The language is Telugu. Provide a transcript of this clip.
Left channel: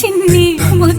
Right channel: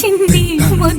চিন্নি